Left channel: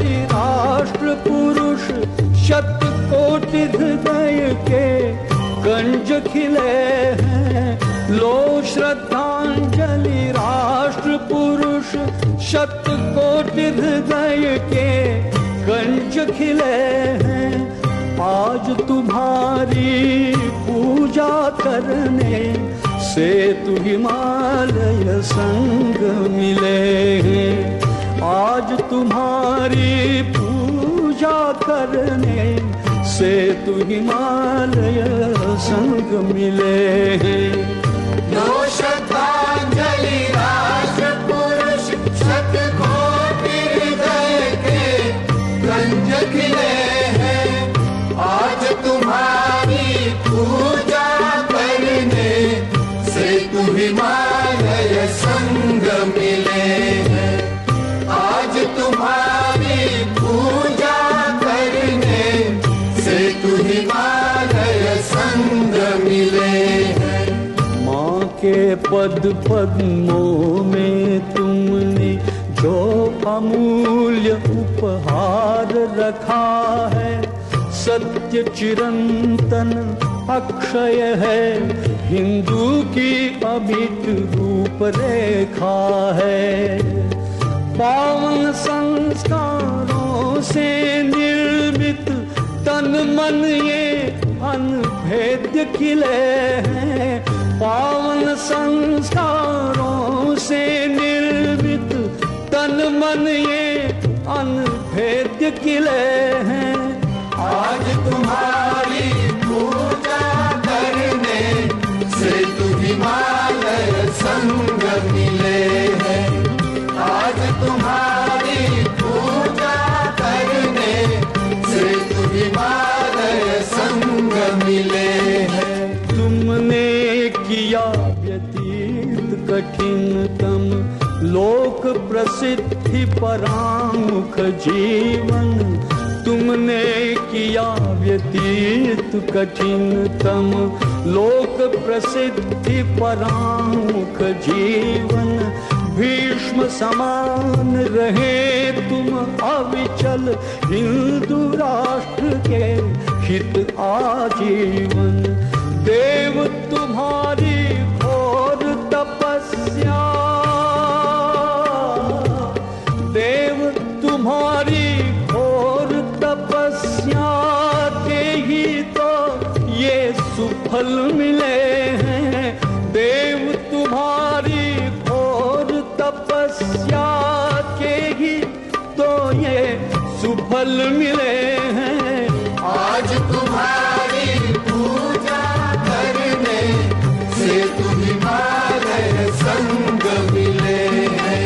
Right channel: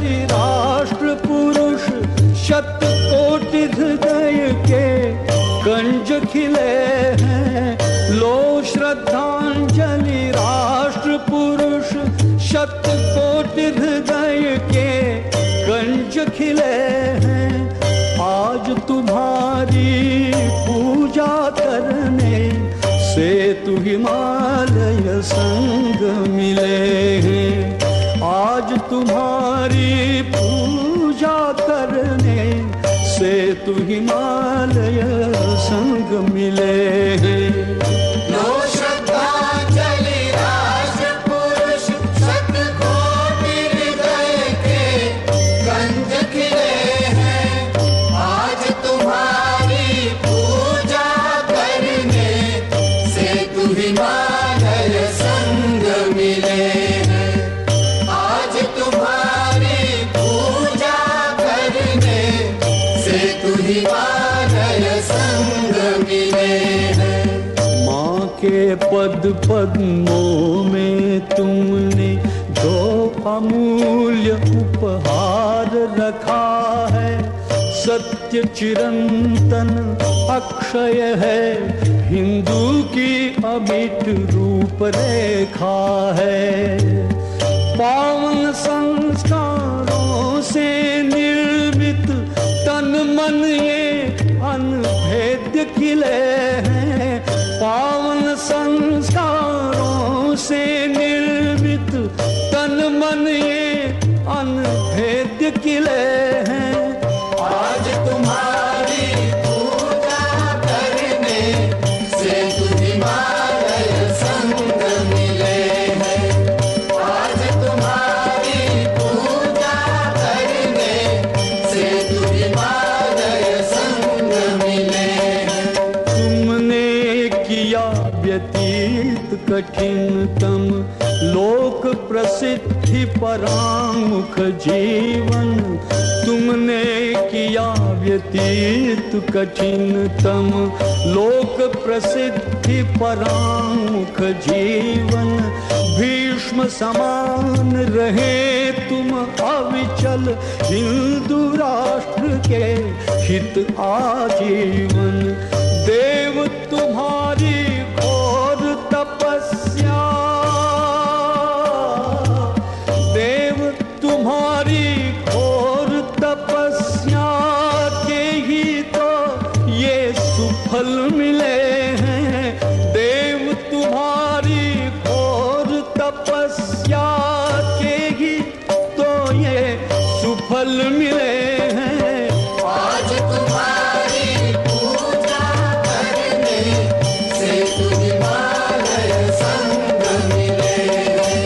प्रांजलि राष्ट्र पुरुष शतकोटि हृदय के गंज खिले हैं। लो श्रद्धांजलि राष्ट्र पुरुष शतकोटि हृदय के गंज खिले हैं। आज तुम्हारी पूजा करने से तू हिमालय संग मिले हैं। आज तुम्हारी पूजा करने से तू हिमालय संग मिले हैं। लो श्रद्धांजलि राष्ट्र पुरुष शतकोटि हृदय के गंज खिले हैं। आज तुम्हारी पूजा करने से तू हिमालय संग मिले हैं। आज तुम्हारी पूजा करने से तू हिमालय संग मिले हैं। माँ के पद पद्मों में तुमने जो अमूल्य उपहार रखा है, सत्य चिरंतन अक्षय है, हिंदू की अमिट रूपरेखा है। पावन संस्कारों से निर्मित तन मन ये अनभेद्य किले हैं। पावन संस्कारों से निर्मित तन मन ये अनभेद्य किले हैं। आज तुम्हारी पूजा करने से तू हिमालय संग मिले हैं। आज तुम्हारी पूजा करने से तू हिमालय संग मिले हैं। तुमने किया व्यतीत कठिनतम लोक प्रसिद्धि परामुख जीवन। तुमने किया व्यतीत कठिनतम लोक प्रसिद्धि परामुख जीवन। भीष्म समान रहे तुम अविचल हिंदू राष्ट्र के हित आजीवन। देव तुम्हारी घोर तपस्या, देव तुम्हारी घोर तपस्या के ही तो ये सुफल मिले हैं। देव तुम्हारी घोर तपस्या के ही तो ये सुफल मिले हैं। आज तुम्हारी पूजा करने से तू हिमालय संग मिले हैं।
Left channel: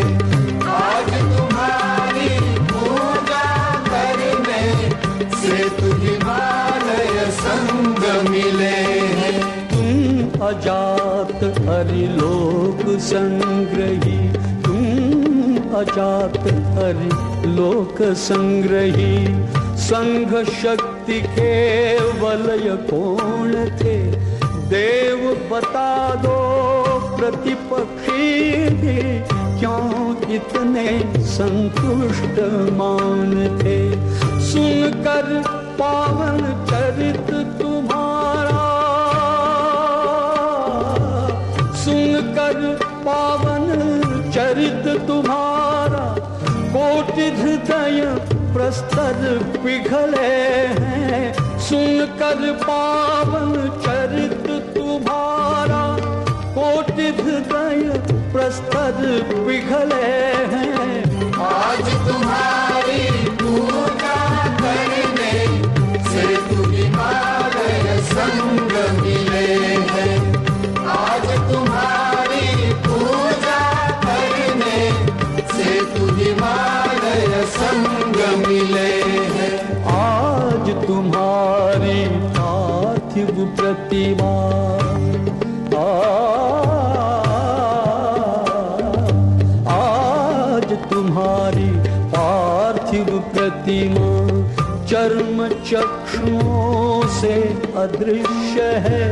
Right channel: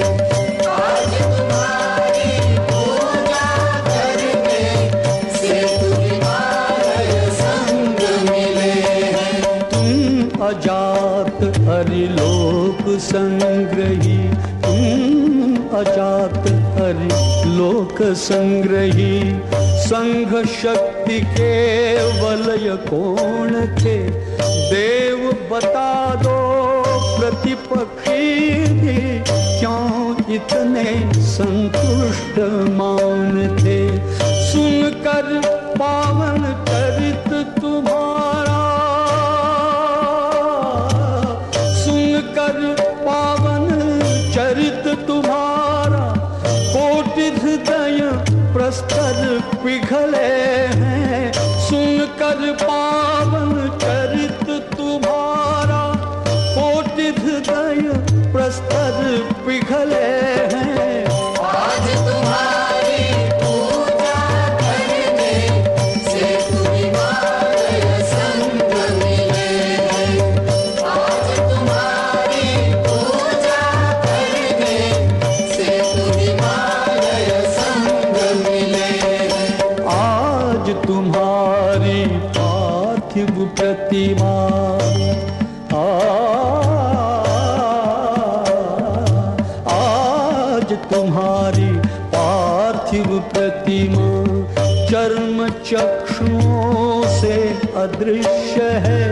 आज तुम्हारी पूजा करने से तू हिमालय संग मिले हैं। तुम अजात हरिलोक संग्रही, तुम अजात हरिलोक संग्रही। संघ शक्ति के वलय कौन थे, देव बता दो प्रतिपक्षी भी क्यों इतने संतुष्ट मौन थे। सुनकर पावन चरित तुम्हारा, सुनकर पावन चरित तुम्हारा, कोटि हृदय प्रस्तर पिघले हैं। सुनकर पावन चरित तुम्हारा, कोटि हृदय प्रस्तर पिघले हैं। आज तुम्हारी पूजा करने से तू हिमालय संग मिले हैं। आज तुम्हारी पूजा करने से तू हिमालय संग मिले हैं। आज तुम्हारी पार्थिव प्रतिमा, आज तुम्हारी पार्थिव प्रतिमा चर्म चक्षुओं से अदृश्य है,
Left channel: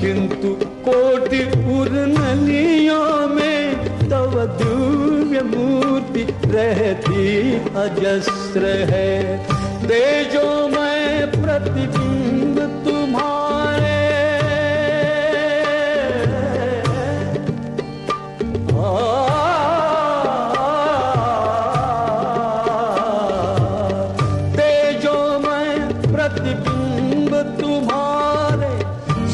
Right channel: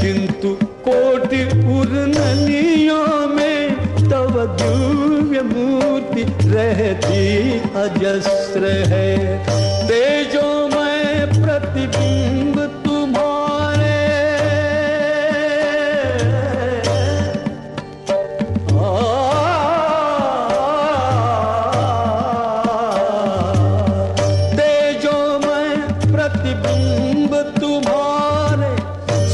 किंतु कोटि उर्नलियों में तव दिव्य मूर्ति रहती अजस्र है। तेजोमय प्रतिबिंब तुम्हारे तेजोमय प्रतिबिंब तुम्हारे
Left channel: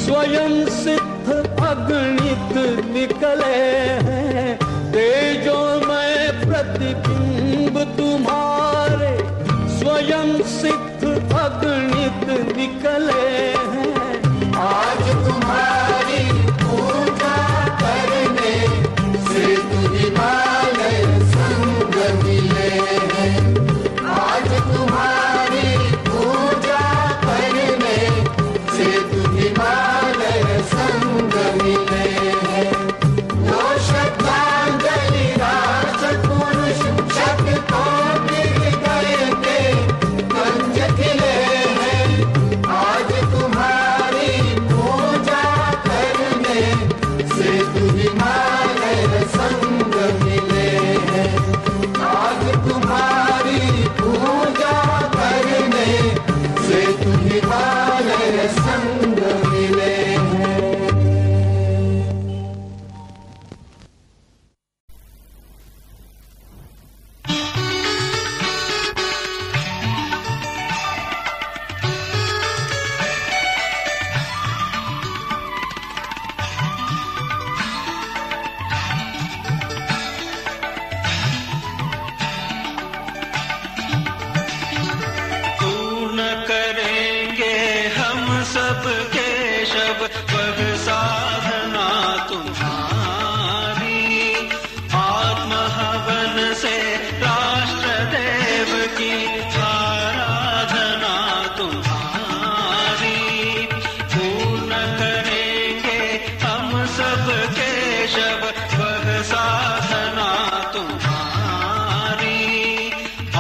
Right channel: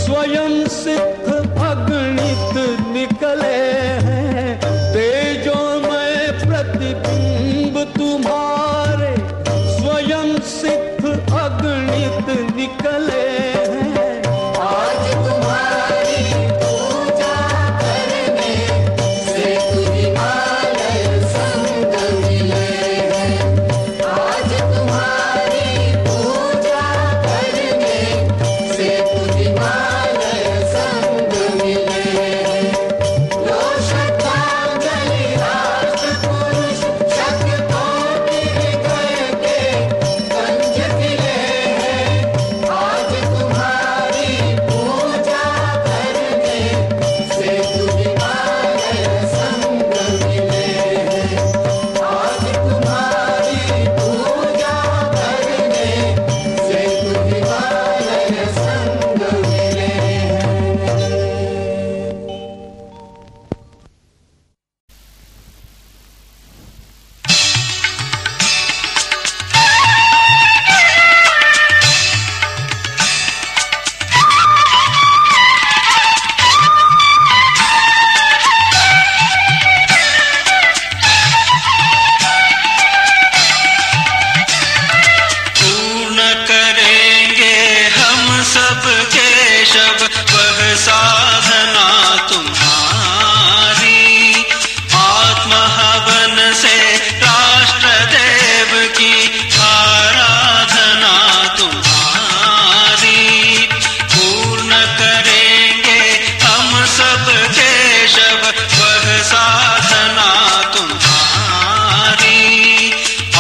स्वयं सिद्ध अगणित निकले हैं। तेजोमय प्रतिबिंब तुम्हारे स्वयं सिद्ध अगणित निकले हैं। आज तुम्हारी पूजा करने से हिमालय संग मिले हैं। आज तुम्हारी पूजा करने से हिमालय संग मिले हैं। लो श्रद्धांजलि राष्ट्र पुरुष शतकों की हृदय के कंज खिले हैं। आज तुम्हारी पूजा करने से हिमालय संग मिले हैं। आज तुम्हारी पूजा करने से हिमालय संग मिले हैं। पूर्ण करेंगे हम सब केशव वह साधना तुम्हारी। आत्म हवन से राष्ट्र देव की आराधना तुम्हारी। पूर्ण करेंगे हम सब केशव वह साधना तुम्हारी।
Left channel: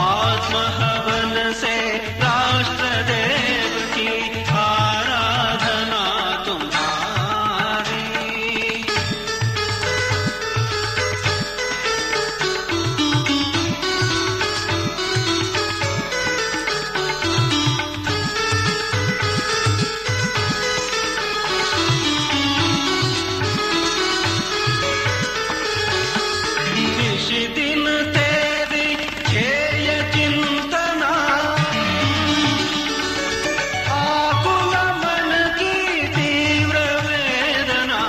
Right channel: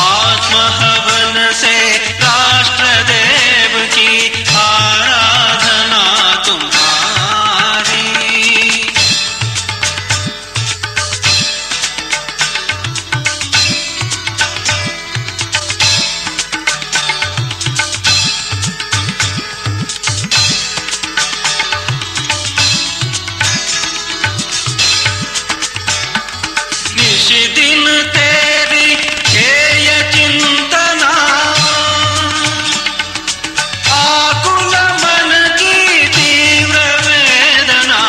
आत्म हवन से राष्ट्र देव की आराधना तुम्हारी। निश दिन तेरी ध्येय चिंतना, आकुल मन की तीव्र वेदना।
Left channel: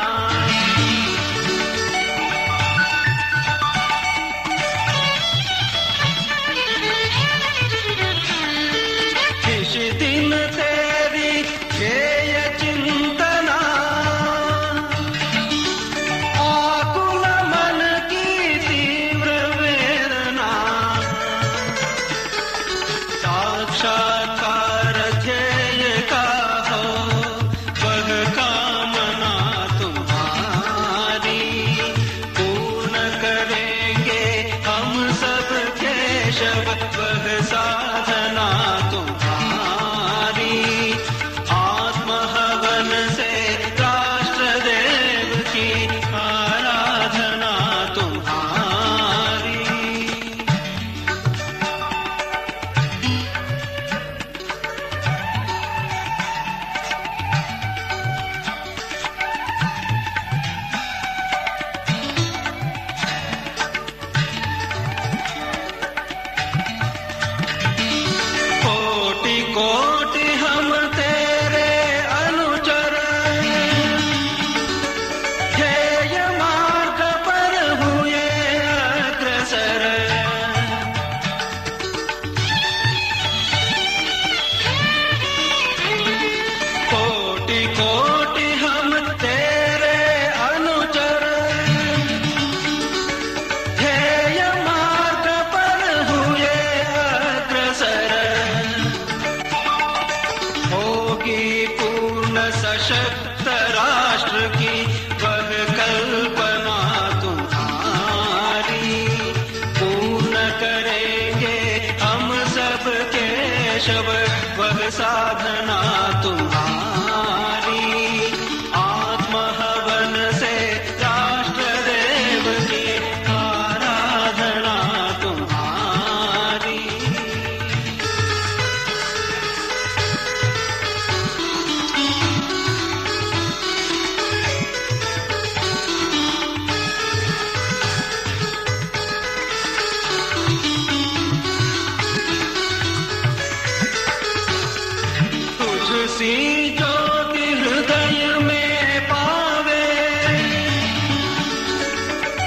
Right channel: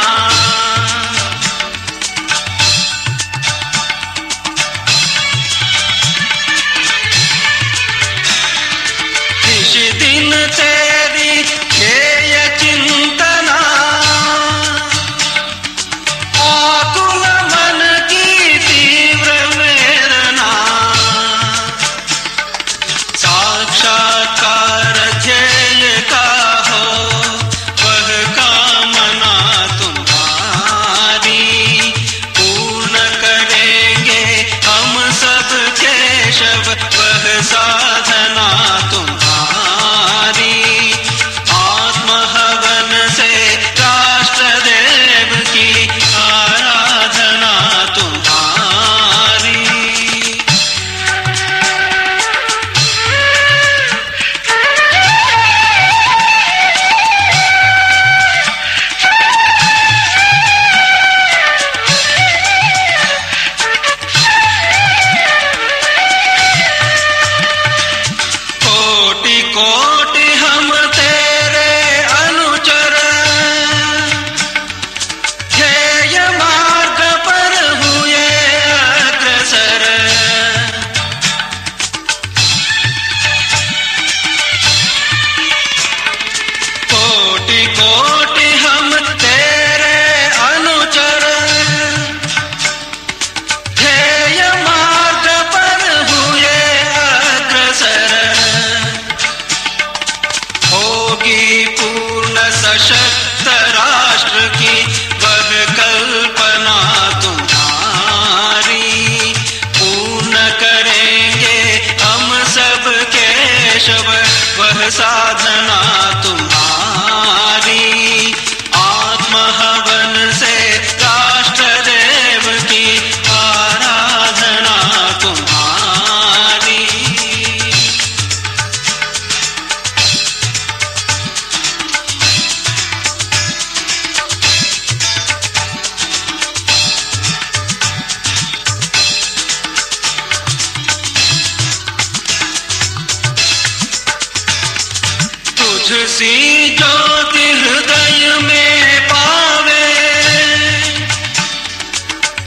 निश दिन तेरी ध्येय चिंतना, आकुल मन की तीव्र वेदना। साक्षात्कार ध्येय का हो वह कामना तुम्हारी। पूर्ण करेंगे हम सब केशव वह साधना तुम्हारी। आत्म हवन से राष्ट्र देव की आराधना तुम्हारी। कोटि कोटि हम तेरे अनुचर, ध्येय मार्ग पर हुए अग्रसर। कोटि कोटि हम तेरे अनुचर, ध्येय मार्ग पर हुए अग्रसर। होगी पूर्ण सशक्त राष्ट्र की वह कल्पना तुम्हारी। पूर्ण करेंगे हम सब केशव वह साधना तुम्हारी। आत्म हवन से राष्ट्र देव की तुझसी ज्योति हृदय में पावे,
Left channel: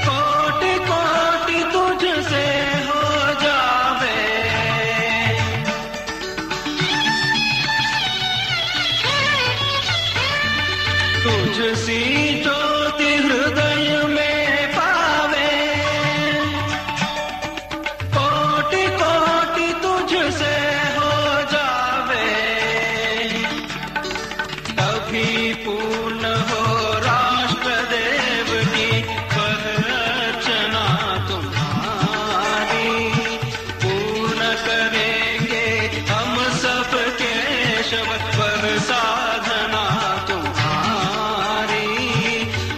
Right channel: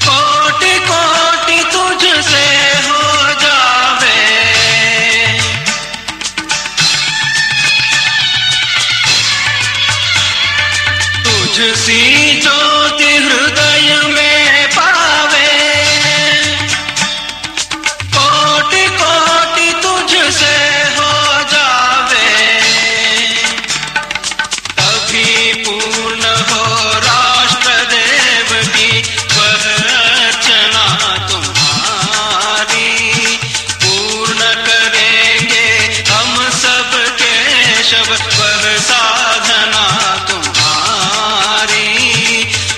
कोटि कोटि तुझसे हो जावे। तुझसी ज्योति हृदय में पावे, कोटि कोटि तुझसे हो जावे। तभी पूर्ण हो राष्ट्र देव की वह अर्चना तुम्हारी। पूर्ण करेंगे हम सब केशव वह साधना तुम्हारी।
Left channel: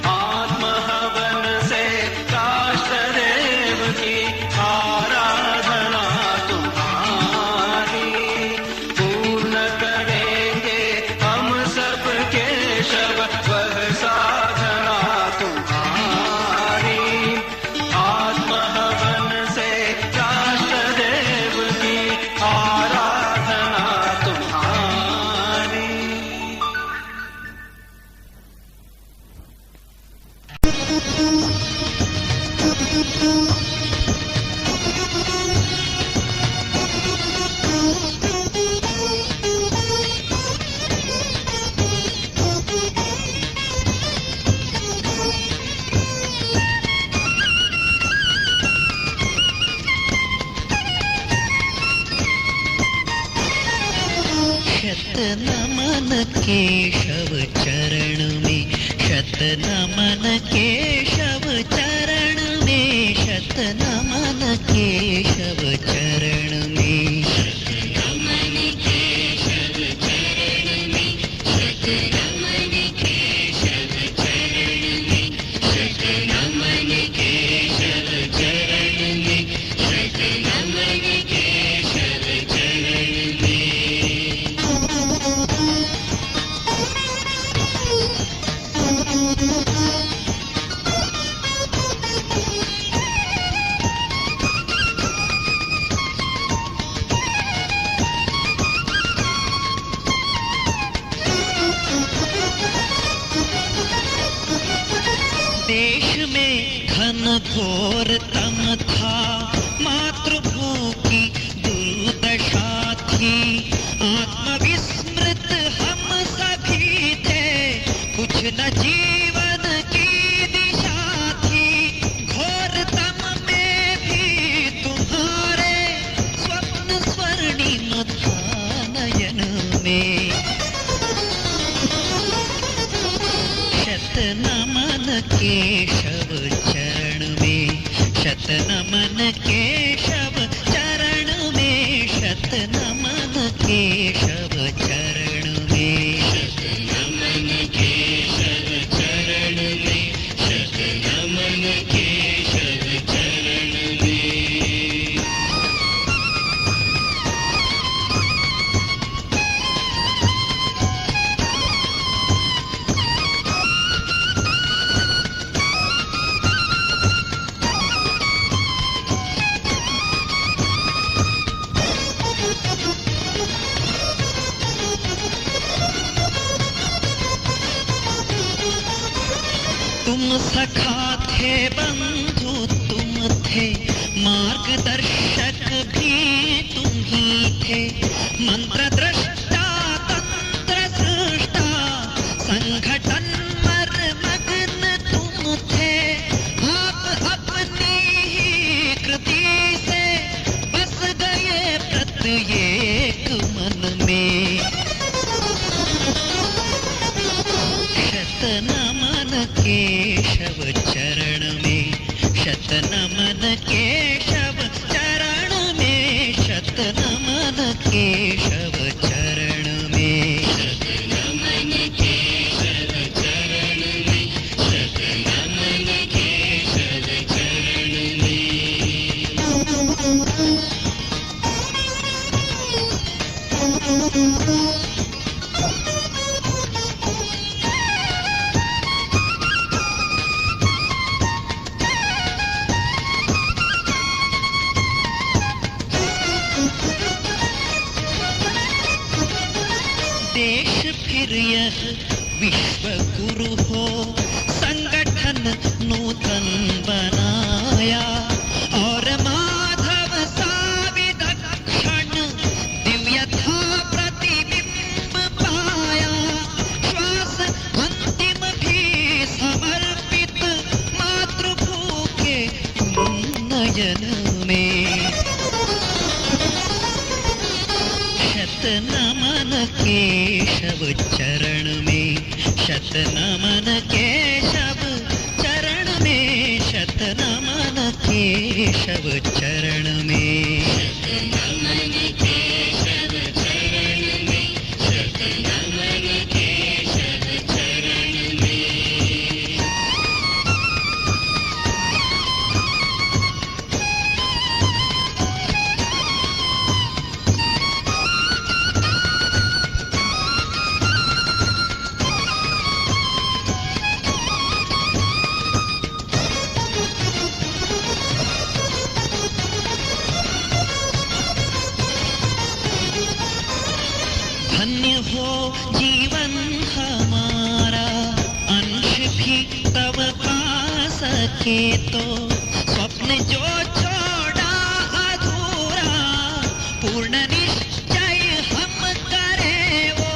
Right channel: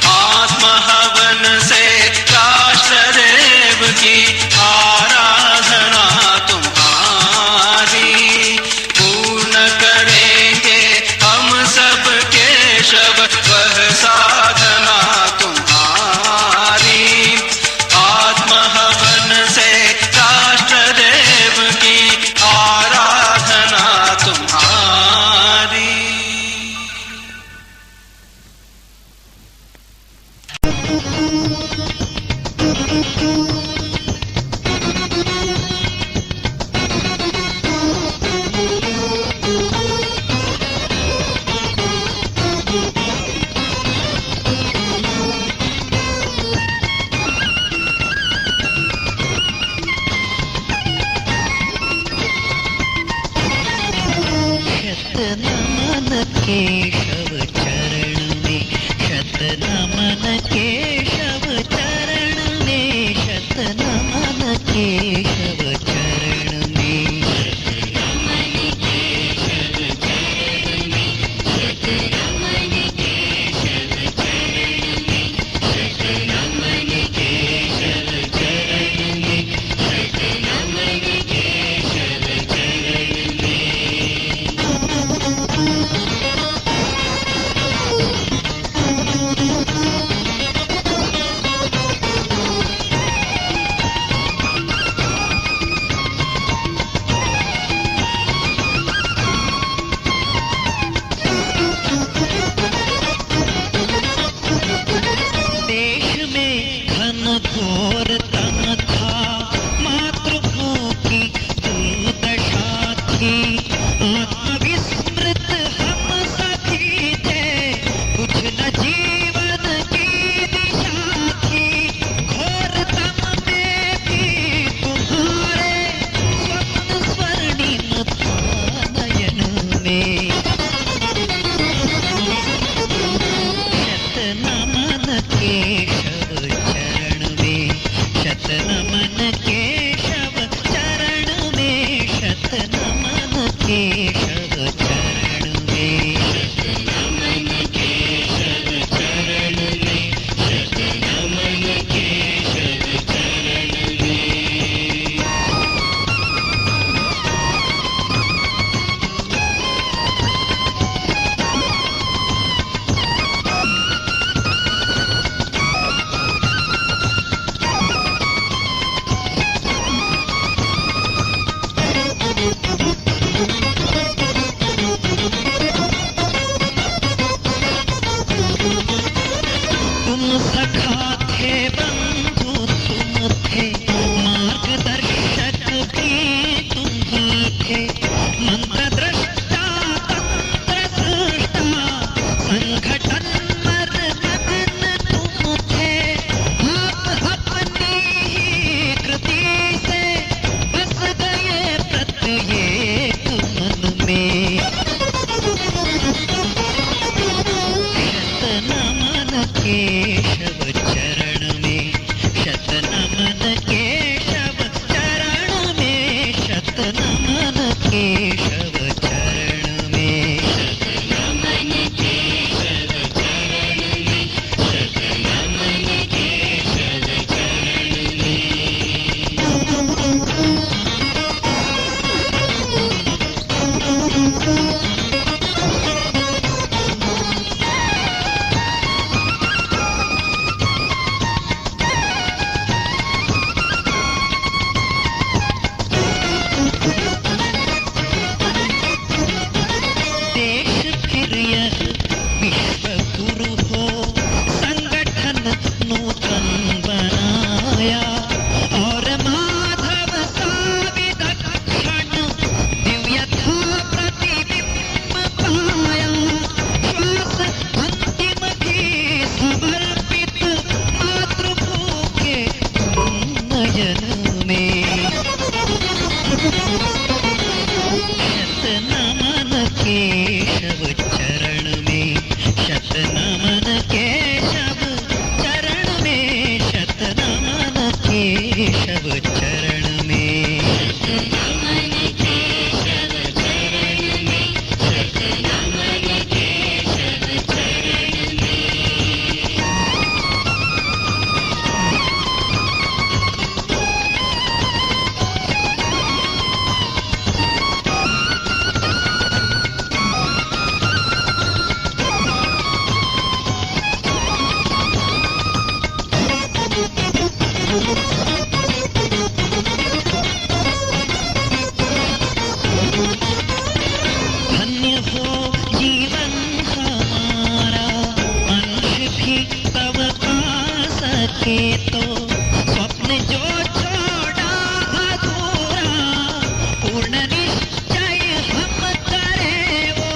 आत्महवन से राष्ट्र देव की आराधना तुम्हारी। पूर्ण करेंगे हम सब केशव वह साधना तुम्हारी। आत्महवन से राष्ट्र देव की आराधना तुम्हारी। शतनमन केशव चरण में, शतनमन केशव चरण में, शतनमन केशव चरण में। देश में घन घोर तम था, मातृभूमि की दुर्दशा थी। आत्मविस्मृत हम सभी थे, कुछ न जीवन की दिशा थी। घोर तम में भी तुम्हारे स्वप्न स्वर्णिम था नयन में। शतनमन केशव चरण में, शतनमन केशव चरण में, शतनमन केशव चरण में। शतनमन केशव चरण में, शतनमन केशव चरण में। तुम सखा थे बंधु, तुम थे मार्गदर्शक भी तुम ही थे। मंत्र दृष्टा तंत्र सृष्टा, संगठन मर मग्न तुम थे। आप अपनी ही कृति से बस गए प्रत्येक मन में। शतनमन केशव चरण में, शतनमन केशव चरण में, शतनमन केशव चरण में। शतनमन केशव चरण में, शतनमन केशव चरण में। देश धन्य हो जीवन हमारा, अंश भी तब पा सके तो, स्वप्न जो छोड़ा अधूरा, पूर्ण निश्चय हम करें वो,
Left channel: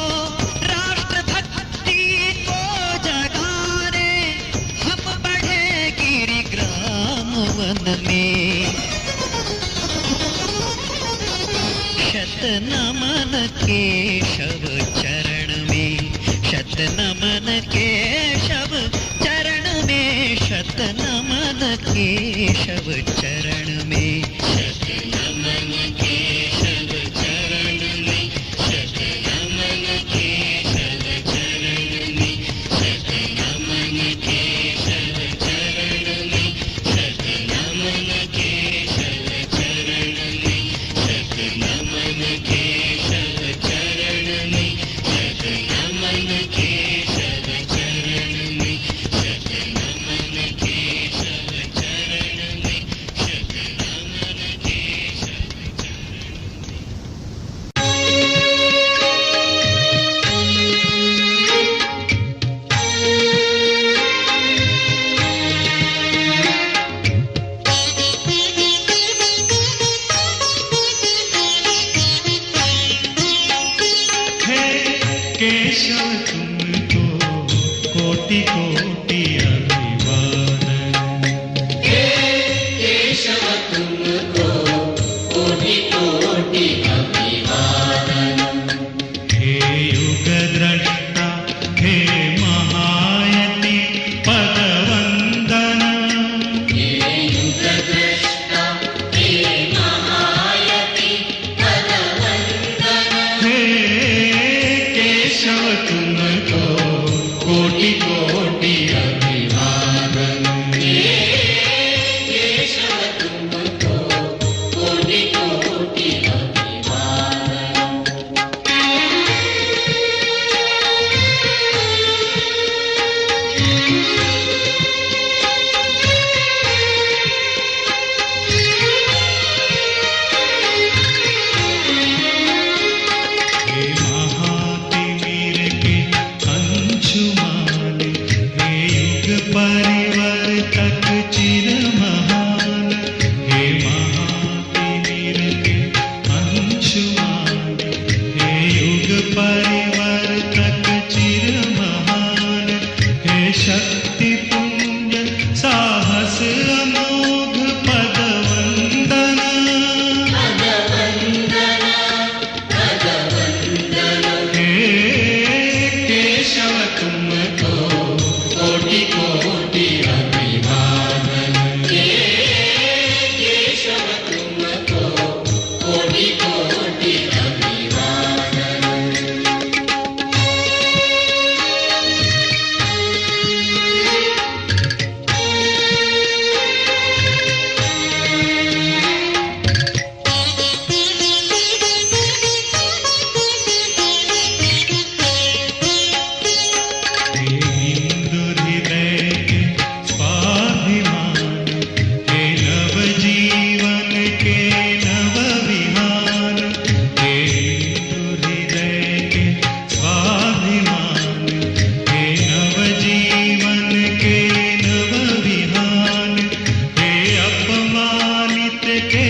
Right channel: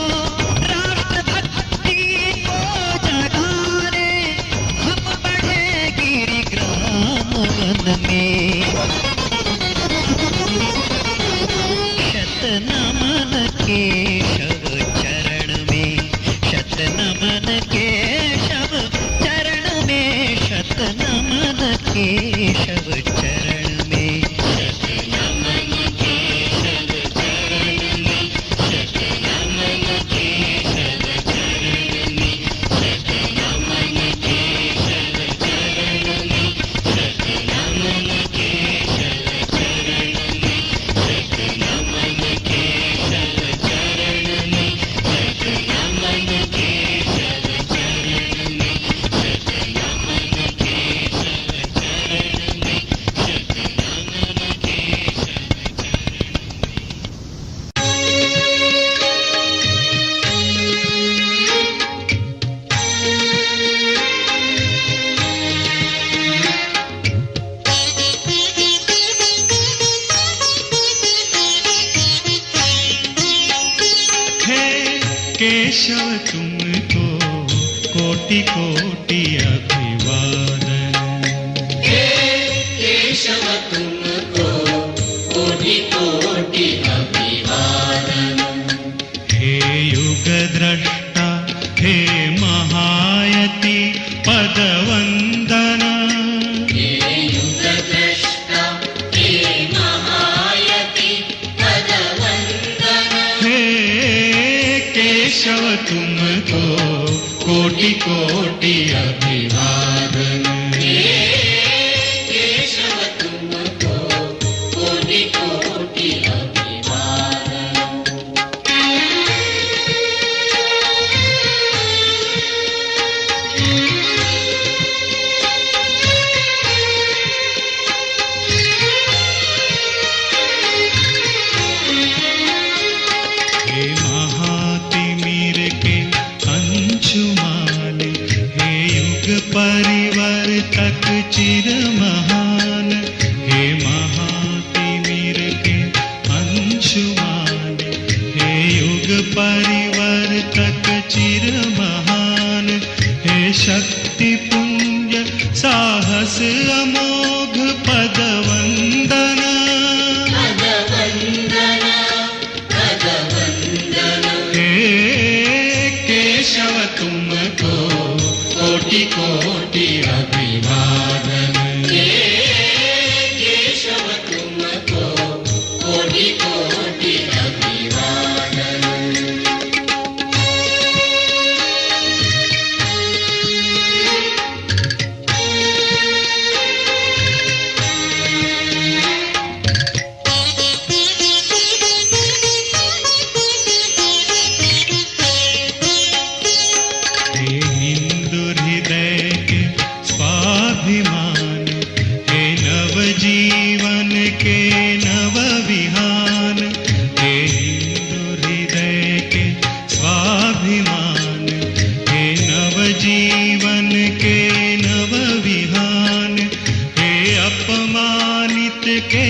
राष्ट्रभक्ति को जगाने हम बढ़े गिरिग्राम वन में। शत नमन केशव चरण में, शत नमन केशव चरण में, शत नमन केशव चरण में, शत नमन केशव चरण में, शत नमन केशव चरण में, शत नमन केशव चरण में, शत नमन केशव चरण में, शत नमन केशव चरण में, शत नमन केशव चरण में, शत नमन केशव चरण में, शत नमन हे केशव तुमको कोटि कोटि अभिवादन। केशव तुमको कोटि कोटि अभिवादन। हे युग द्रष्टा हे महायति पदवंदन। हे युग द्रष्टा हे महायति पदवंदन। हे केशव तुमको कोटि कोटि अभिवादन। केशव तुमको कोटि कोटि अभिवादन। हे महातिमिर के अंशुमान, हे युग परिवर्तक चिर महान। हे महातिमिर के अंशुमान, हे युग परिवर्तक चिर महान। हे शक्ति पुंज साहस अमोघ पदवंदन। हे केशव तुमको कोटि कोटि अभिवादन। केशव तुमको कोटि कोटि अभिवादन। हे हिंदू हृदय के स्वाभिमान, हे नव जीवन के नव विहान। हे हिंदू हृदय के स्वाभिमान, हे नव जीवन के नव विहान। हे अपमानित के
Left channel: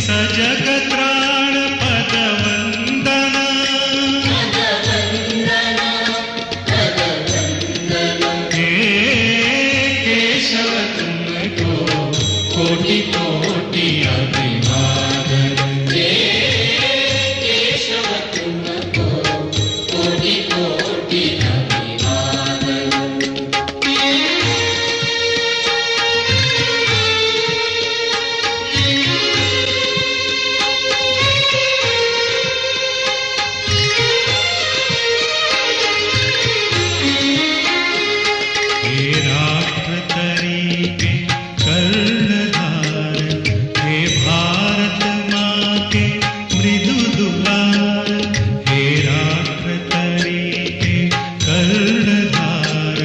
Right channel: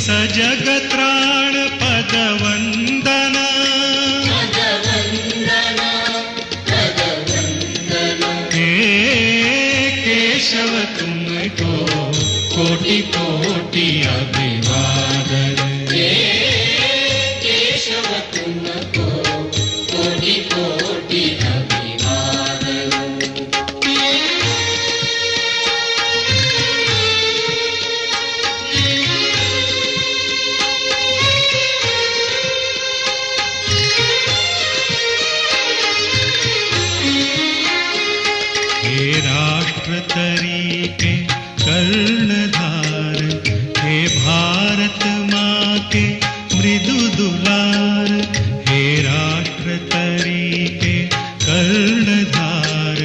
सजग त्राण पदवंदन। हे केशव तुमको कोटि कोटि अभिवादन। केशव तुमको कोटि कोटि अभिवादन। हे राष्ट्र तरीके कर्णधार, हे भारत माँ के मृदु दुलार। हे राष्ट्र तरीके कर्णधार,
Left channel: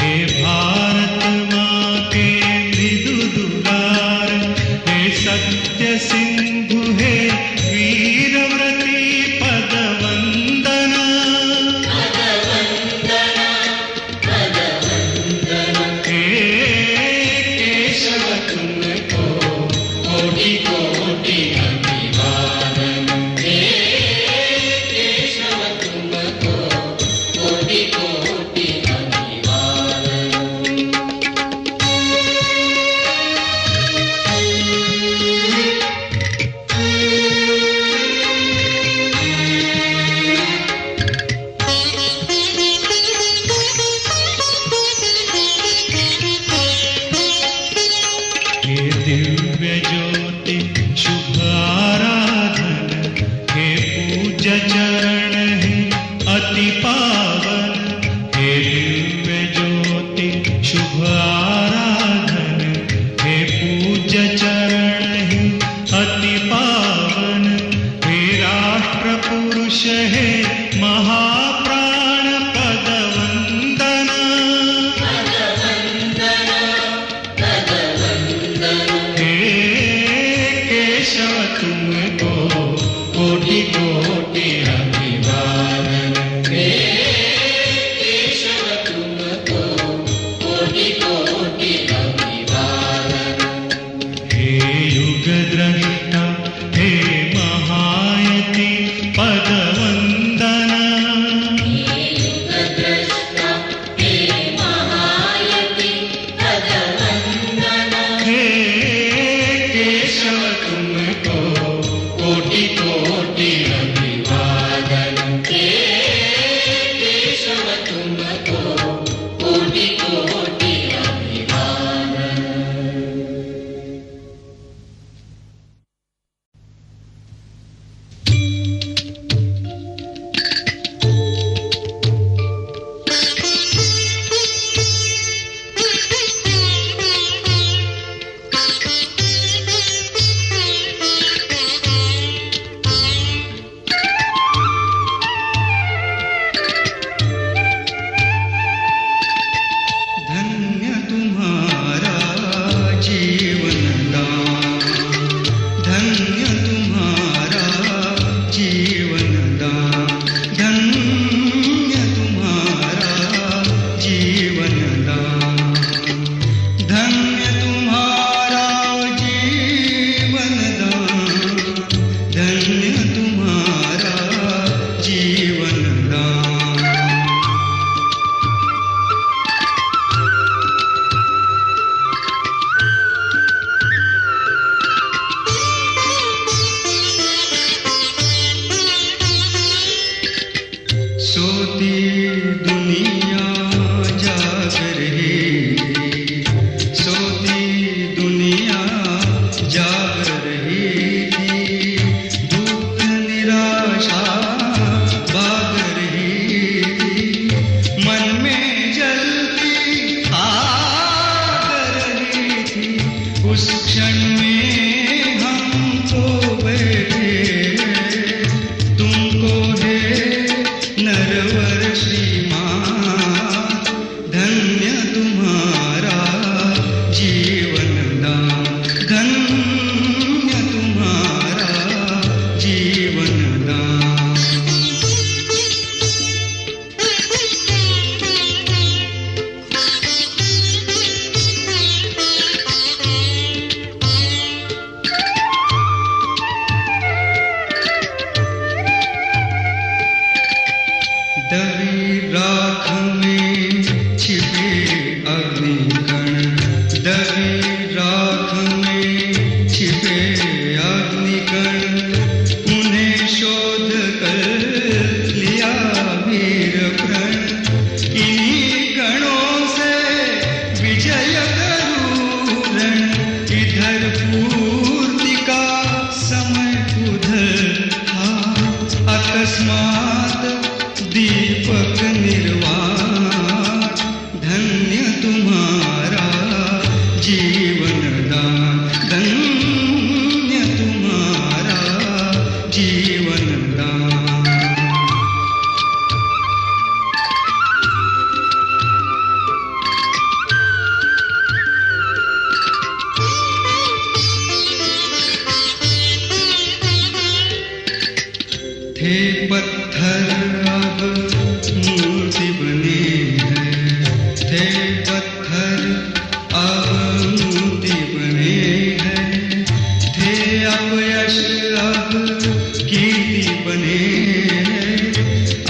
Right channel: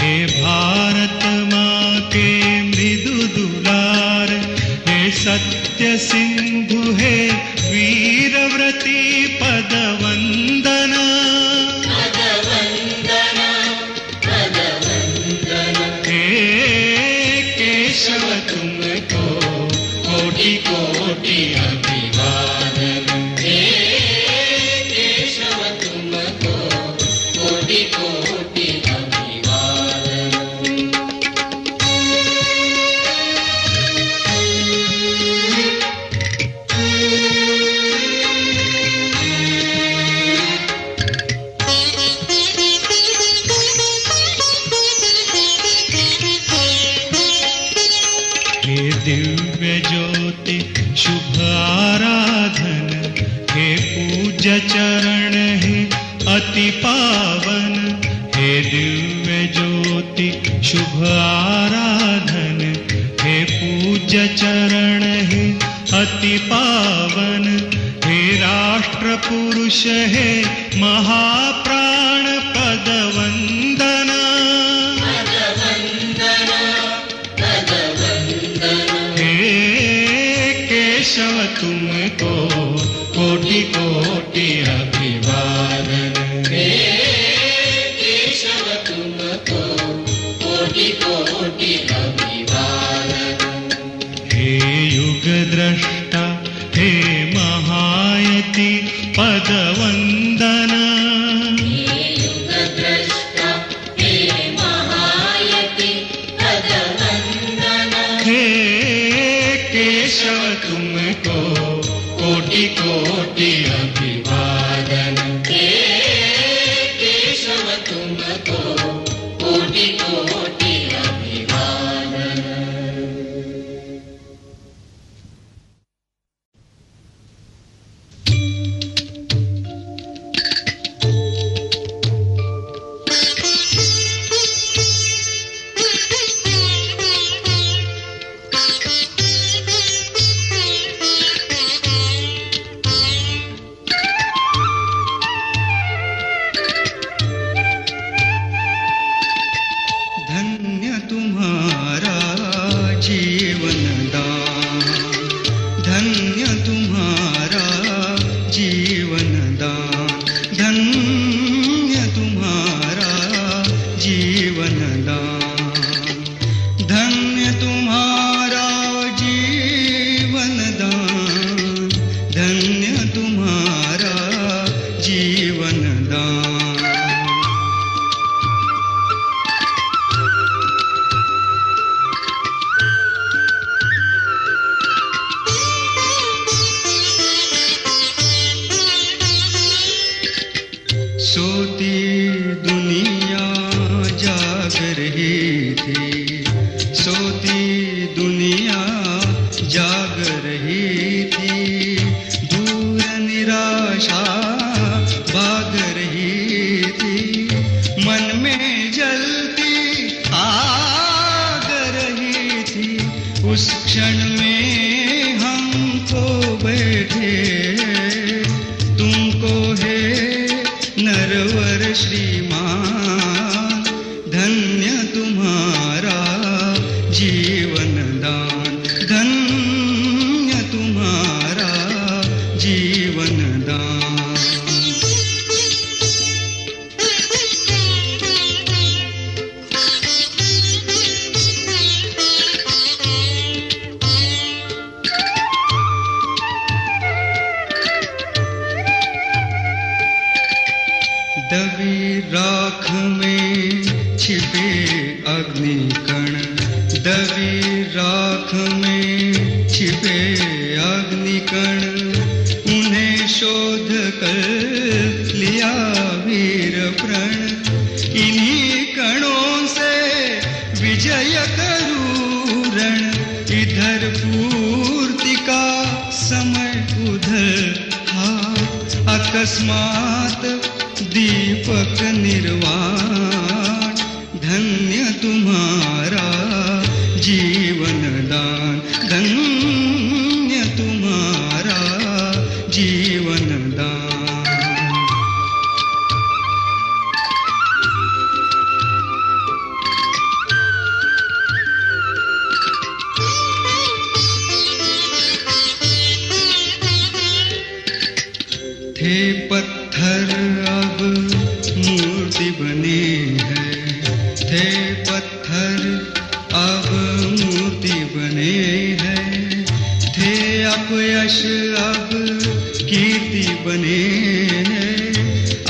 हे भारत माँ के मृदु दुलार। हे सत्य सिंधु हे वीरव्रती पदवंदना हे केशव तुमको कोटि कोटि अभिवादन हे केशव तुमको कोटि कोटि अभिवादन। हे दिव्य ज्योति शुभ आराधन हे पूज्य चरण है अति पावन हे दिव्य ज्योति शुभ आराधन हे पूज्य चरण है अति पावन हे राष्ट्र पुरुष है महाप्राण पदवंदना हे केशव तुमको कोटि कोटि अभिवादन हे केशव तुमको कोटि कोटि अभिवादन। हे युग द्रष्टा हे महायति पदवंदना हे युगद्रष्टा हे महायति पदवंदन हे केशव तुमको कोटि कोटि अभिवादन हे केशव तुमको कोटि कोटि अभिवादन। धन्य तुम्हारा जीवन दान, धन्य तुम्हारा जीवन दान, धन्य तुम्हारा जीवन दान, धन्य तुम्हारा जीवन दान, धन्य तुम्हारा जीवन दान। सोती दुनिया जाग रही थी, सोती दुनिया जाग रही थी, दूर निराशा भाग रही थी, मन में जलती आग रही थी, उस क्षण में हम तो बैठे तुमको है नरवर श्रीमान, धन्य तुम्हारा जीवन दान, धन्य तुम्हारा जीवन दान। दबी राख में छिपे अग्निकण, दबी राख में छिपे अग्निकण, उन्हें शोध कर लिया वीर प्रण, इन्हीं कणों से विजय करूं रण, इधर पूर्ति का समय उधर था, अकस्मात दीपक निर्वाण, धन्य तुम्हारा जीवन दान, धन्य तुम्हारा जीवन दान। थे पत्थर अब मूर्ति बने हैं, थे पत्थर अब मूर्ति बने हैं, थे अपयश अब कीर्ति बने हैं,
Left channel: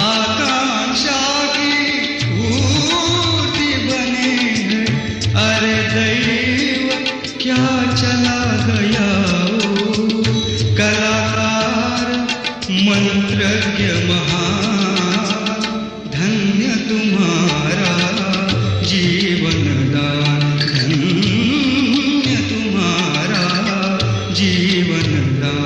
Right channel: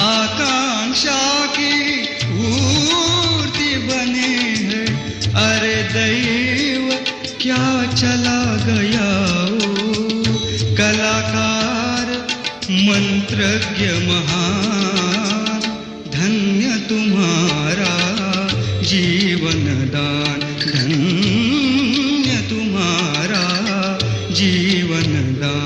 आकांक्षा की पूर्ति बने हैं। अरे दैव क्या चला गया ओ कलाकार मंत्रज्ञ महान, धन्य तुम्हारा जीवन दान, धन्य तुम्हारा जीवन दान।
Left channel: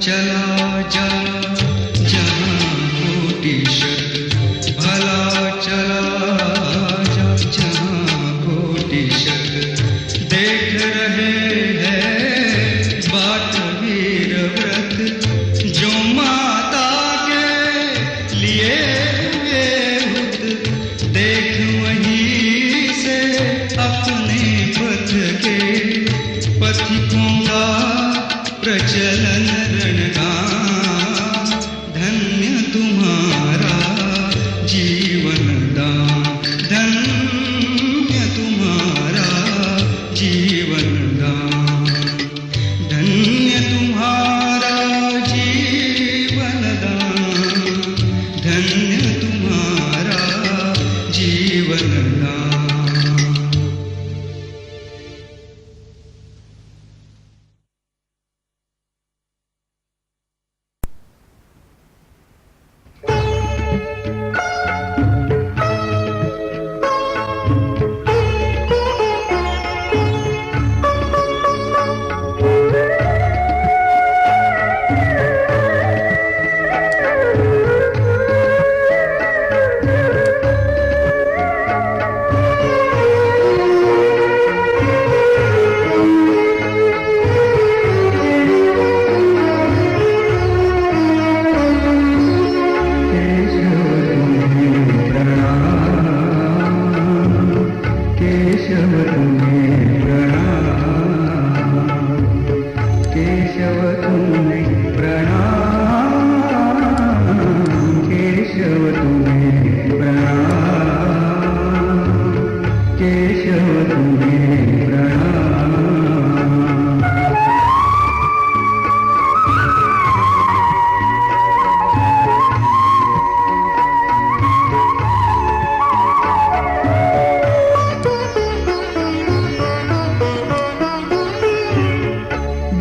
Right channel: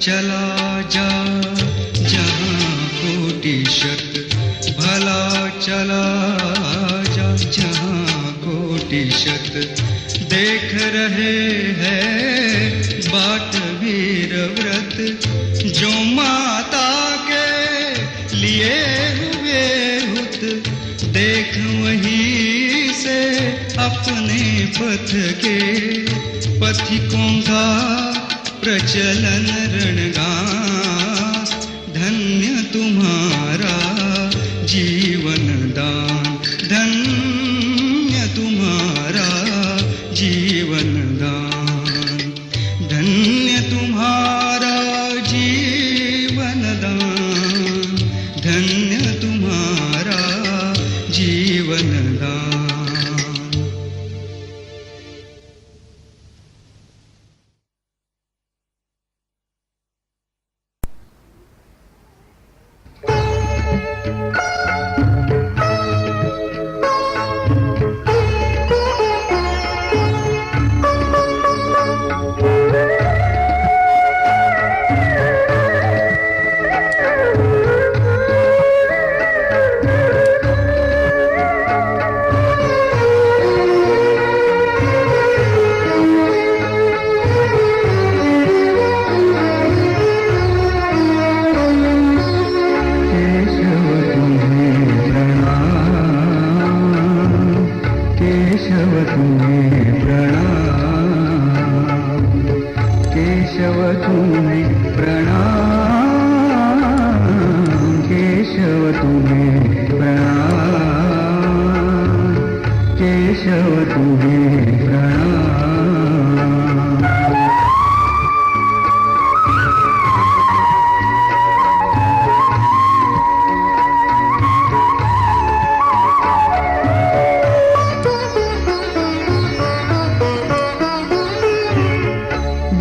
चला जा जहाँ कोटि शत, भला चला जा जहाँ कोटि शत, देख रहे हैं बाट वीर व्रत, जो माता के लिए हुए हुत, देख वहीं से अपने पथ के पथिकों का प्रचलन रणगान, धन्य तुम्हारा जीवन दान, धन्य तुम्हारा जीवन दान, धन्य तुम्हारा जीवन दान, धन्य तुम्हारा जीवन दान।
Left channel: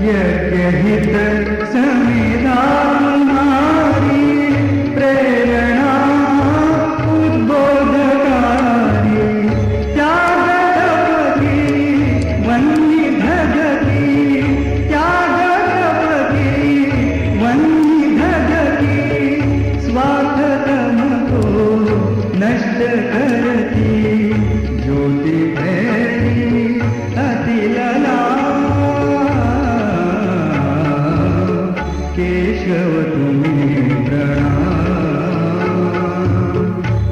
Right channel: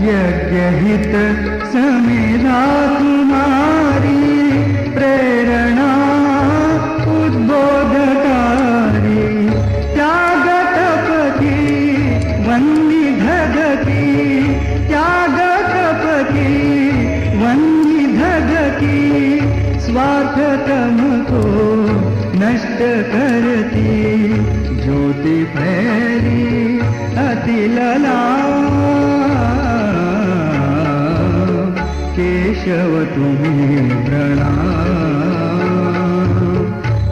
यज्ञहित समेधा तुम्हारी प्रेरणा उद्बोधकारी, त्याग तप की वन्नी धगती, त्याग तप की वन्नी धगती, स्वार्थ तम को नष्ट करती, ज्योति फैली अति लला, केशव तुम्हें प्रणाम,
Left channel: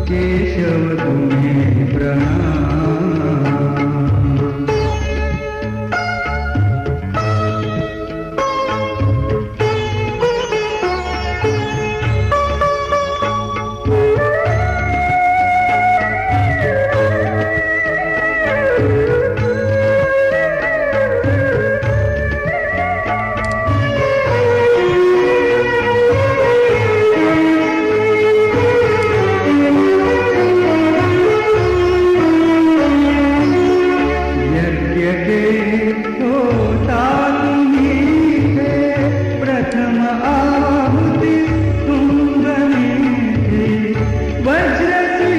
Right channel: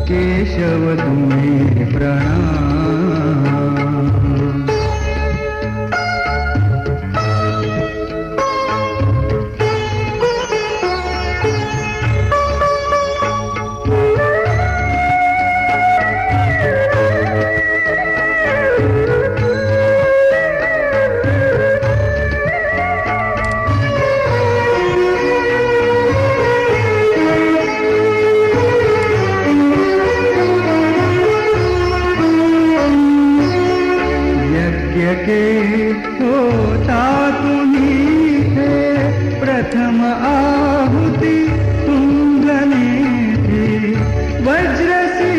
केशव तुम्हें प्रणाम। होता तुम्हीं थे प्रथम आहुति तुंगने थे, वज्र सी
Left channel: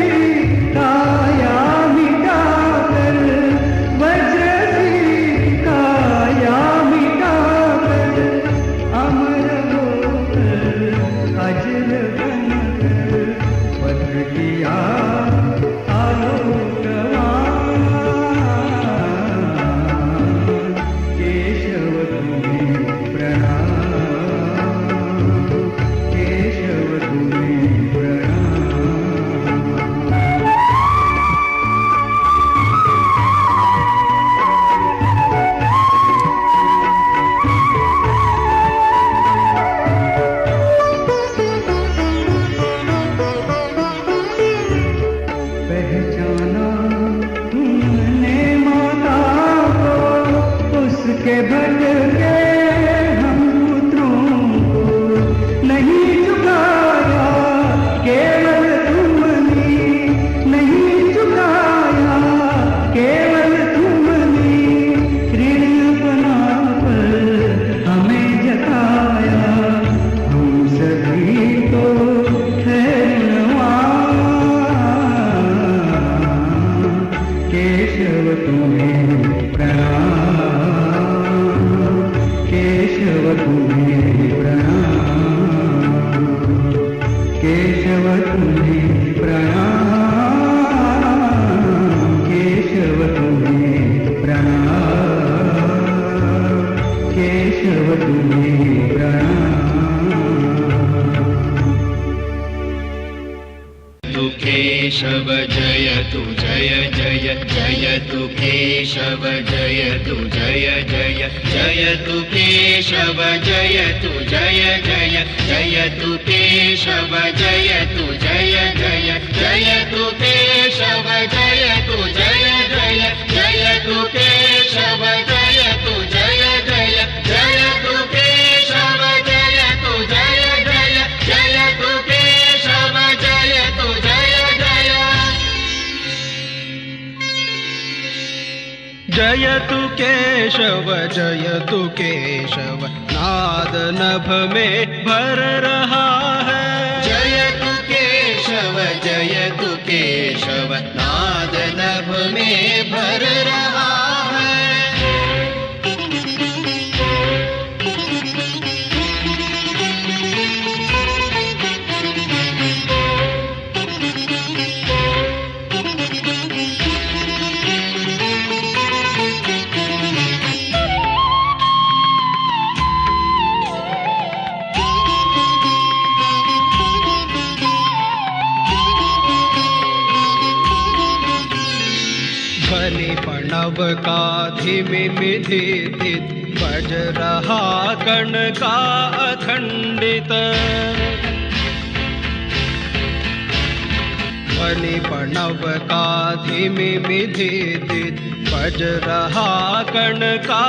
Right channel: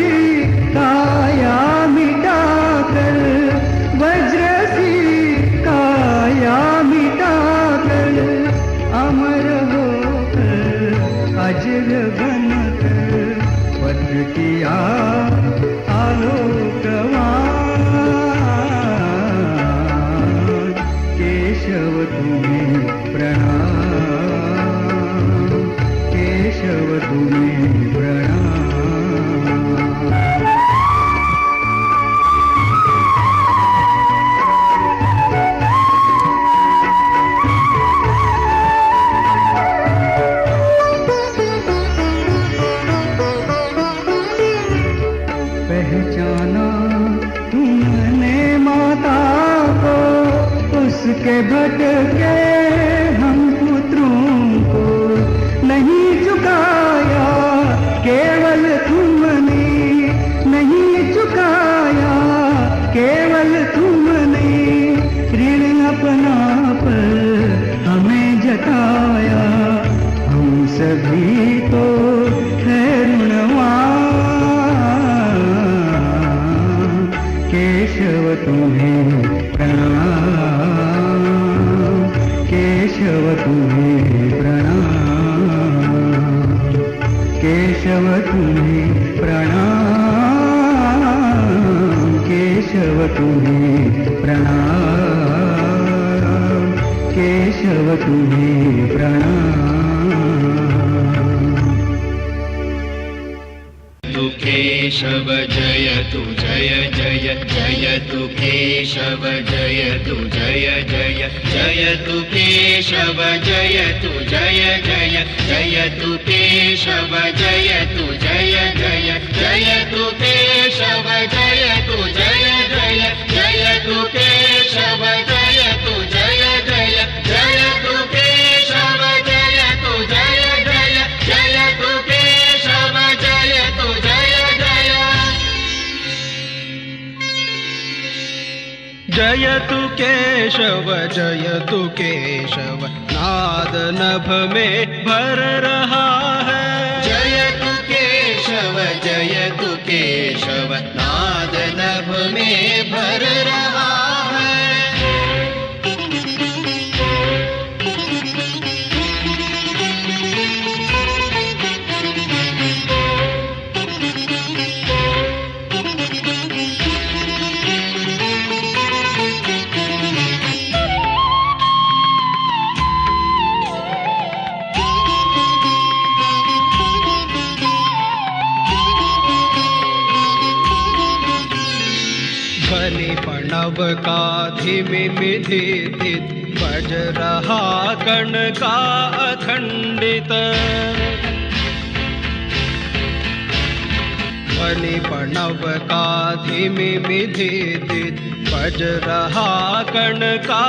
काया मिटाकर, वज्र सी काया मिटाकर, अमर होकर अजर बनकर वज्र किया आलोकवान, केशव तुम्हें प्रणाम, बताया, हम सभी तो है ऋणवान। केशव तुम्हें प्रणाम, केशव तुम्हें प्रणाम, केशव तुम्हें प्रणाम, केशव तुम्हें प्रणाम, केशव तुम्हें प्रणाम। तु केशव जयतु जय जय जयतु केशव जयतु जय जय जयतु केशव जयतु जय जय जयतु केशव जयतु जय जय जयतु केशव जयतु जय जय जयतु केशव जयतु जय जय जयतु केशव जयतु जय जय जयतु केशव जयतु जय जय। जयतु केशव जयतु केशव नाद नभ में भर रहा है। जयतु केशव जयतु केशव नाद नभ में भर रहा है। प्रणव का धिमिमिधित बज रहा कण का अखंडित। ध्वनि प्रणव का धिमिमिधित बज रहा कण का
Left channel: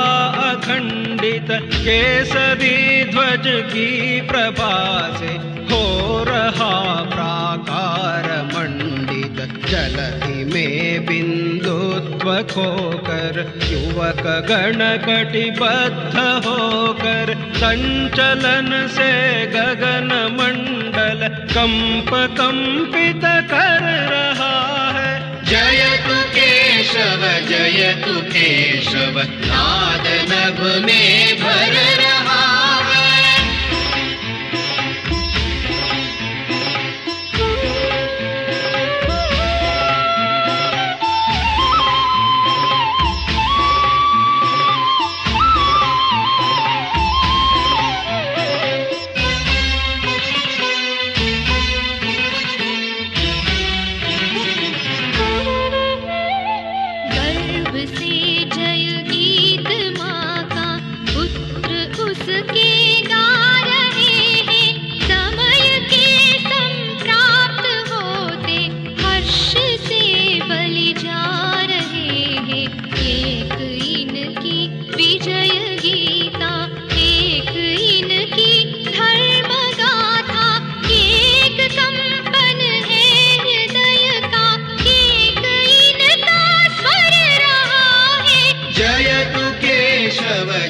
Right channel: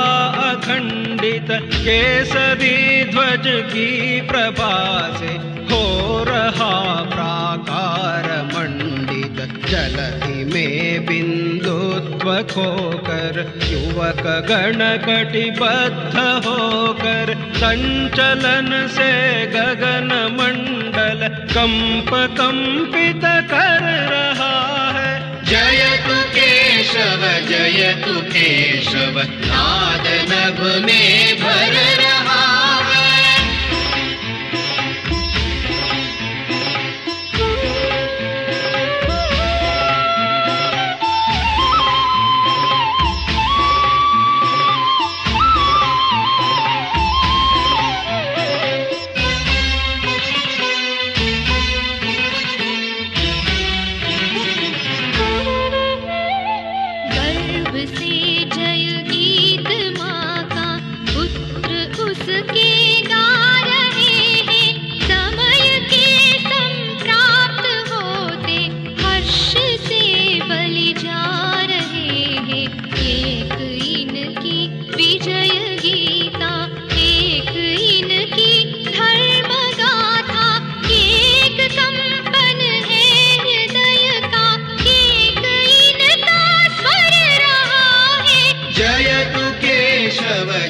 अखंडित। केसरी ध्वज की प्रभा से हो रहा प्राकार मंडित। जलधि में बिंदुत्व खोकर युवक गण कटिबद्ध होकर संचलन से गगन मंडल कंप कंपित कर रहा है। जयतु केशव जयतु केशव नाद नभ में भर रहा है।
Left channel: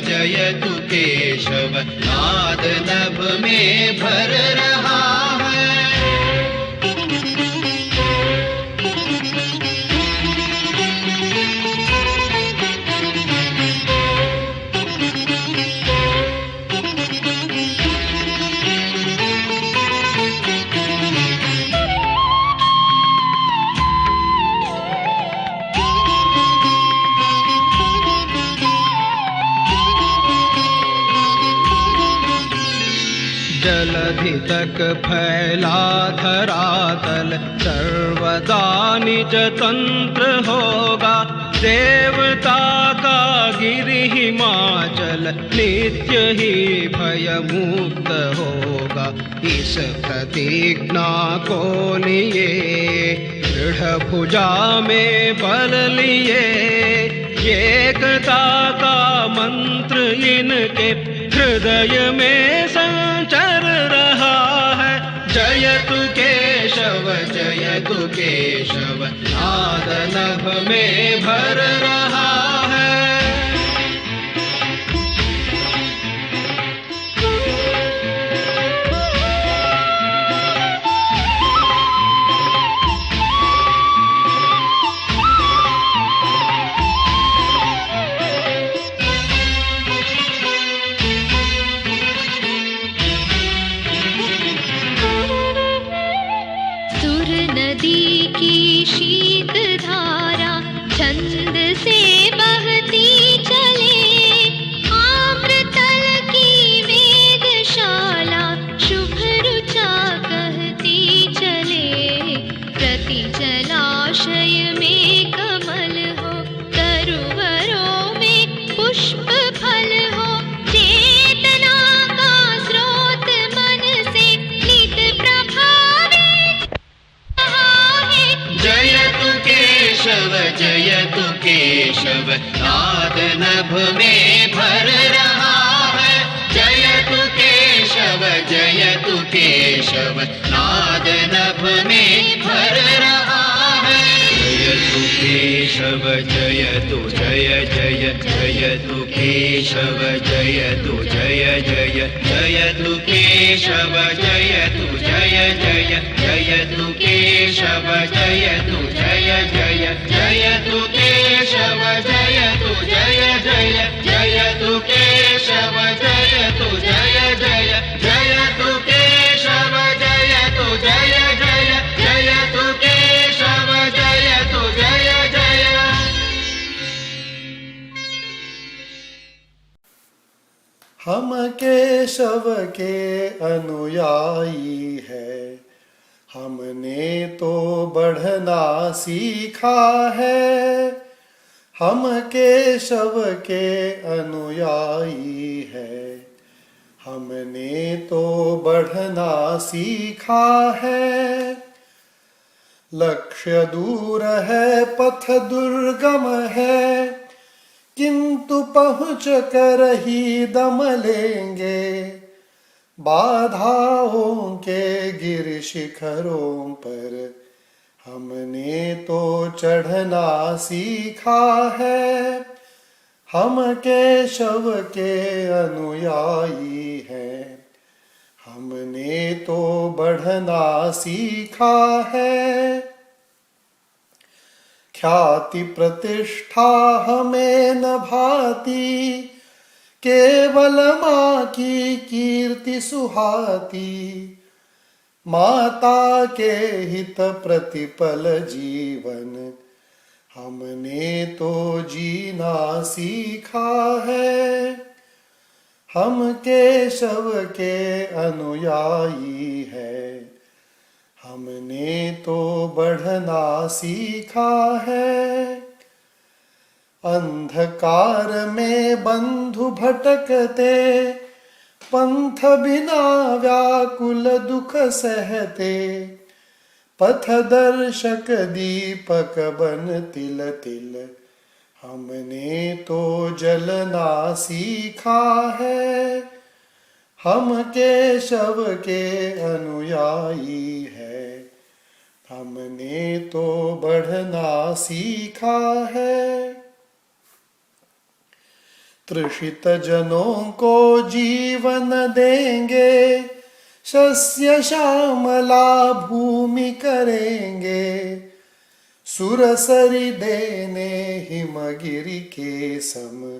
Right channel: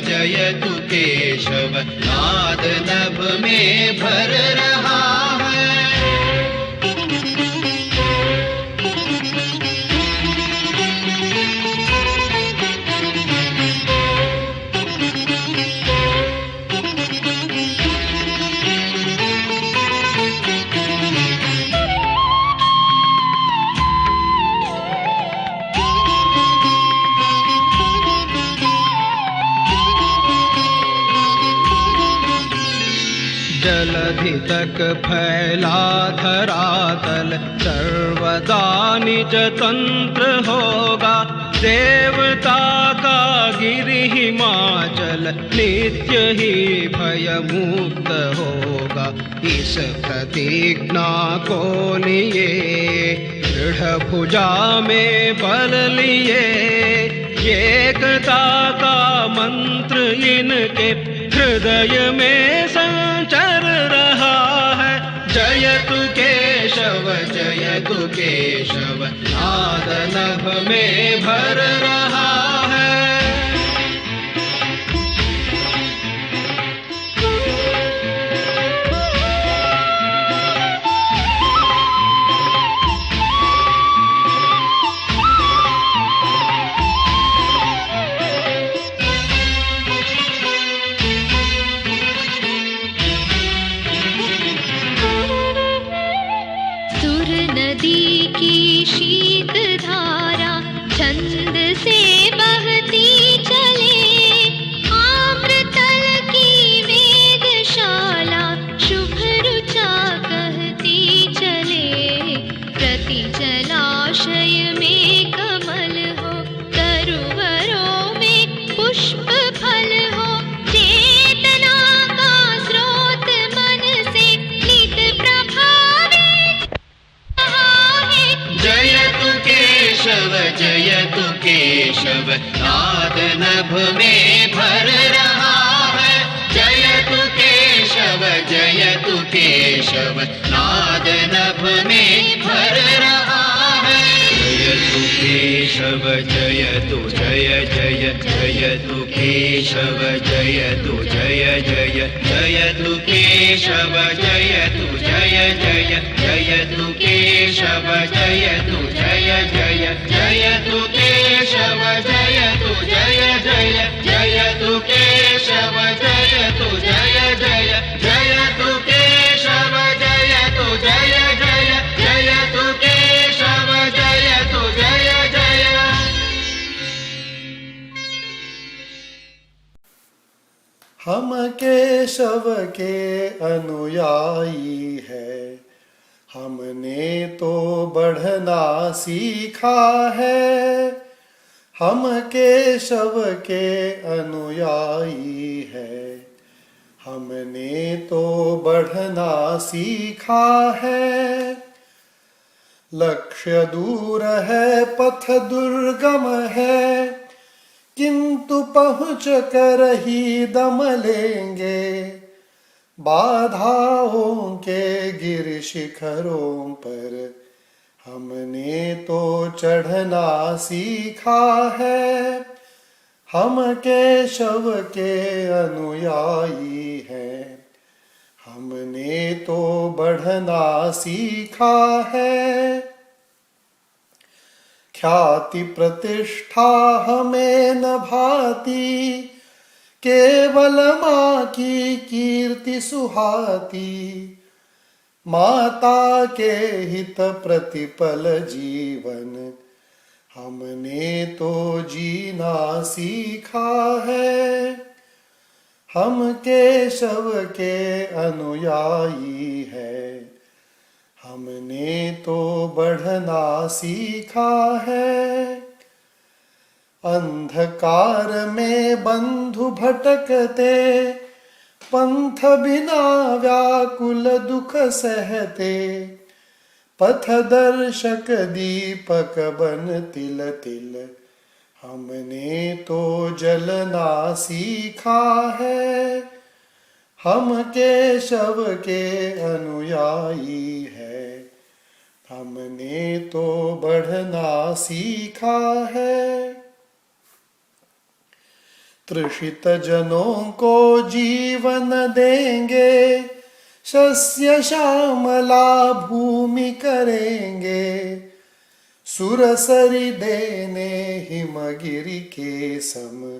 जयतु केशव नाद नभ में भर रहा है। जलधि तक फैला धरातल सर्वदा निज तंत्र होगा। देवता का गिरि हिमाचल नित्य ही भय मुक्त होगा। इस प्रतिज्ञा को लिए दृढ़ भुजा में बल लिए। एकता का मंत्र इनके हृदय में संचर रहा है। जयतु केशव जयतु केशव नाद नभ में भर रहा है। जयतु केशव नाद नभ में भर रहा है। जयतु केशव जयतु जय जय जयतु केशव जयतु जय जय जयतु केशव जयतु जय जय जयतु केशव जयतु जय जय जयतु केशव जयतु जय जय जयतु केशव जयतु जय जय जयतु केशव जयतु जय जय जयतु केशव जयतु जय जय। हम केशव के अनुयायी है, हमने तो बढ़ना सीखा है। हम केशव के अनुयायी है, हमने तो बढ़ना सीखा है। लक्ष्य दूर है पथ दुर्गम है, किंतु पहुँच कर ही दम लेंगे। बाधाओं के गिर शिखरों पर हमने तो चढ़ना सीखा है। हम केशव के अनुयायी हैं, हमने तो बढ़ना सीखा है। ख्याति प्रतिष्ठा हमें न भाती, केवल माँ की कीर्ति सुहाती। माता के हित प्रतिपल जीवन हमने तो जीना सीखा है। हम केशव के अनुयायी है, हमने तो बढ़ना सीखा है। अंधकार में बंधु भटकते, पंथ बिना व्याकुल दुख सहते। पथ दर्शक दीपक बन तिल तिल हमने तो जलना सीखा है। हम केशव के अनुयायी है, हमने तो बढ़ना सीखा है। तृषित जनों को जीवन देंगे, शस्य श्यामला भूमि करेंगे। सुरसरी देने हिमगिरि के सम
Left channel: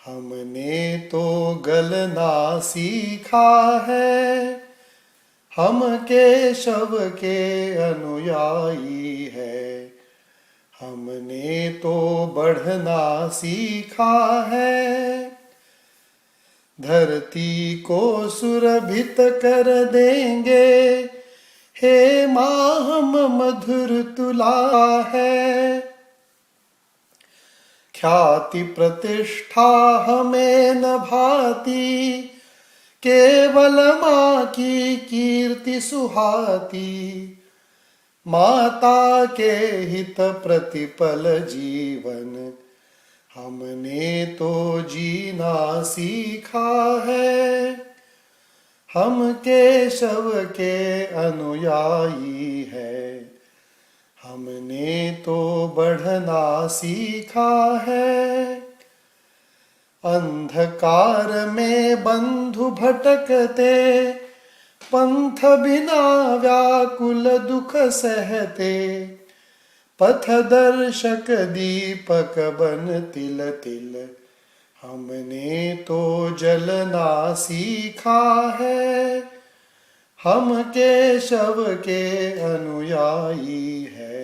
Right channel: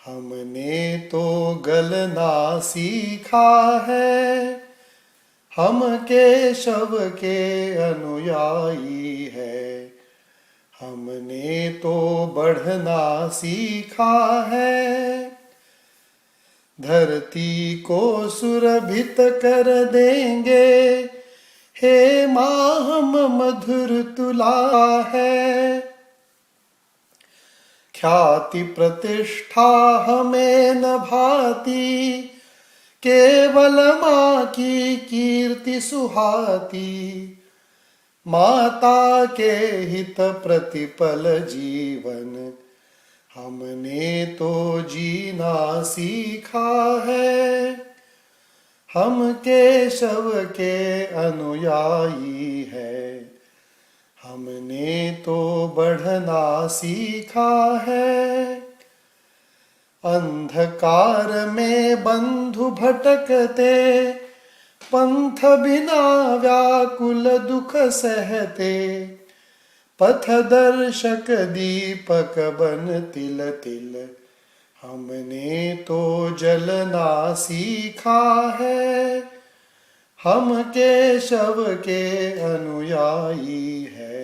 हमने तो गलना सीखा है। हम केशव के अनुयायी है, हमने तो बढ़ना सीखा है। धरती को सुरभित कर देंगे, हे माँ हम मधुर तुला है। ख्याति प्रतिष्ठा हमें न भाती, केवल माँ की कीर्ति सुहाती। माता के हित प्रतिपल जीवन हमने तो जीना सीखा है। हम केशव के अनुयायी है, हमने तो बढ़ना सीखा है। अंधकार में बंधु भटकते, पंथ बिना व्याकुल दुख सहते। पथ दर्शक दीपक बन तिल तिल हमने तो जलना सीखा है। हम केशव के अनुयायी है,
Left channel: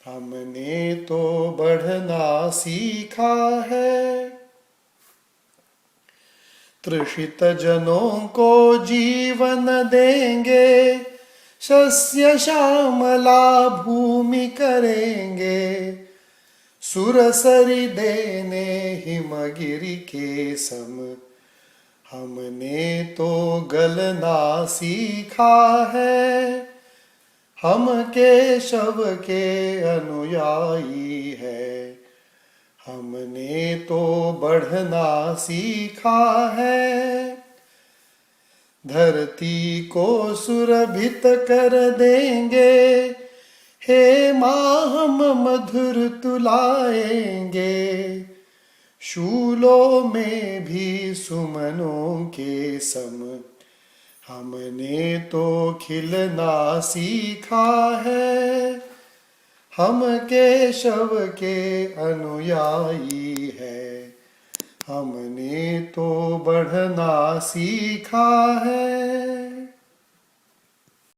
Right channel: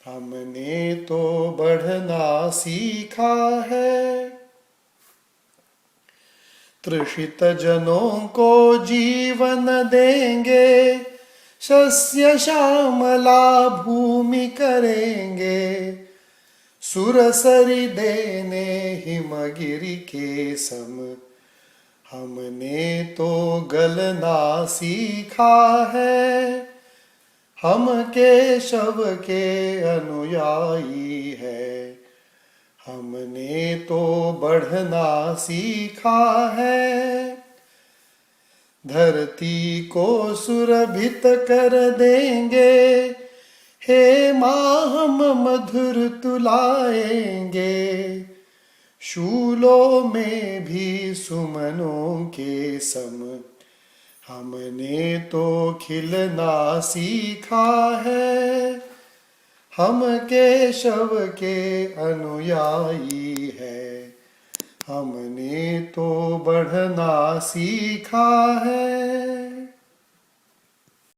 हमने तो बढ़ना सीखा है। तृषित जनों को जीवन देंगे, शस्य श्यामला भूमि करेंगे। सुरसरी देने हिमगिरि के सम हमने तो गलना सीखा है। हम केशव के अनुयायी है, हमने तो बढ़ना सीखा है। धरती को सुरभित कर देंगे, हे माँ हम मधुर तुलाएंगे। शूलों में भी सुमनों के सम हमने तो खिलना सीखा है। हम केशव के अनुयायी है, हमने तो बढ़ना सीखा है।